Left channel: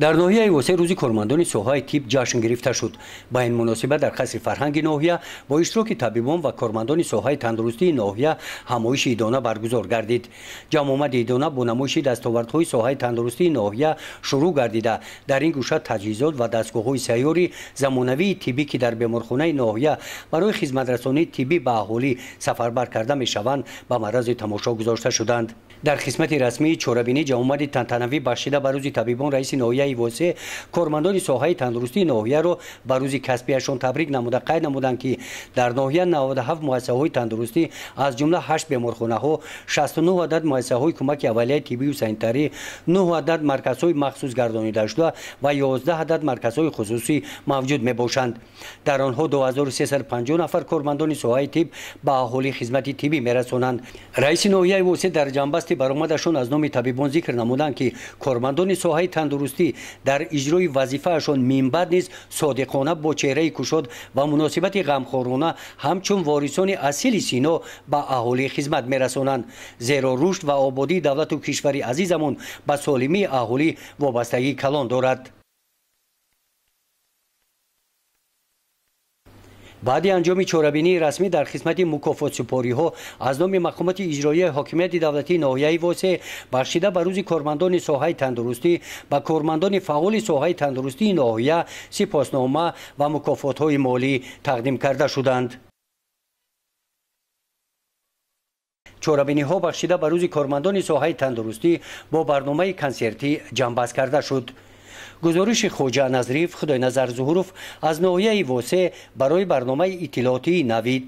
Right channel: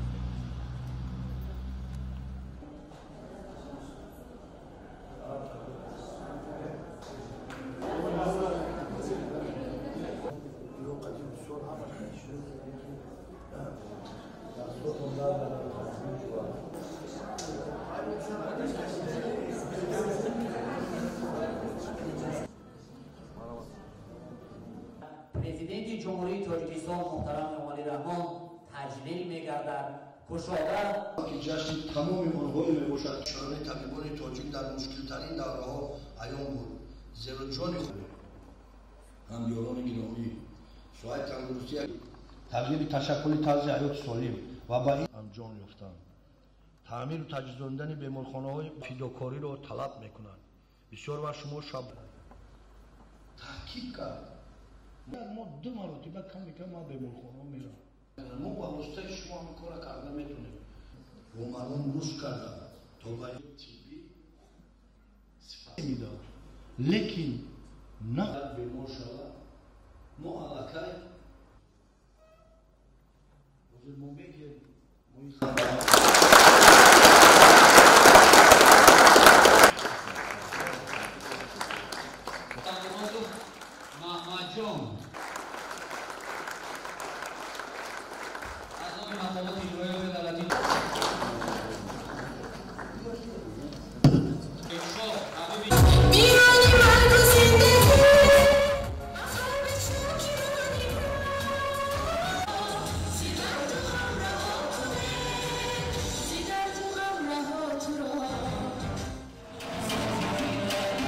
در ناحیه واسه روزی کارمندان ساحه طب جشن گرفته شد. با این مناسبت در قصر فرهنگ ناحیه با اشتراک طبیبان و کارمندان ساحه تندرستی ناحیه همایش ایدانه برگزار گردید. جمع آمد ایدانه با نمایش دستاوردهای ساحه تندرستی ناحیه شروع گردیده. در این گوشه تجهیزات و دستگاه‌های سیاری زمانوی طبی که در بیمارخانه ناحیه برای خدمترسانی طبی به اهالی سفربر کرده میشوند به معرض تماشا گذاشته شدند. در قسمت رسمی چهاربینی جمع آمد تنتنوی بخشیده به روز طبیبان رئیس ناحیه واسه کارمندان ساحه تندرستی ناحیه را به روز کسبیشان تبریک نموده قید نمودند که در ناحیه 97 مؤسسه‌های تندرستی از جمله 8 بیمارخانه‌ها، 69 عدد مؤسسه‌های کمک اولیه طبی و سانیتری، 9 عدد مرکزهای مخصوص گردانیده شده و 11 عدد مرکزهای خصوصی موجود میباشند. در آنها 2350 نفر کارمندان ساحه طب به اهالی خدمت طبی میرسانند. رئیس ناحیه واسه در جنبستی برآمدشان از نام طبیبان ذکر نمودند که کارمندان ساحه تندرستی در اجرای وظیفه‌شان منبع نیز صادقانه با چهره کشاد و مناسبت غمخوارانه همچون وارثان اصیل سینا به اهالی خدمت میرسانند. زیرا رشد و آبادی دولت و کشور عزیزمون به سالمی اهالی وابستگی کلان دارد. بعد انجام چهاربینی رسمی در خدمت مکافات سپاری ها از نام مقامات اجرایی حاکمیت دولتی ناحیه واسه بخشیده به روز کارمندان ساحه تندرستی و کارمندان فعال ساحه تندرستی ناحیه سپاسنامه و مکافات های مالی تقدیم کرده شدند. چهاربینی ها بخشیده به روز کارمندان ساحه تندرستی با برنامه کنسرتی جنبست کرده شد. گزارش خواجه نظریف خدای نظر ظهورف از ناحیه واسه برای برنامه اطلاعاتی نوید.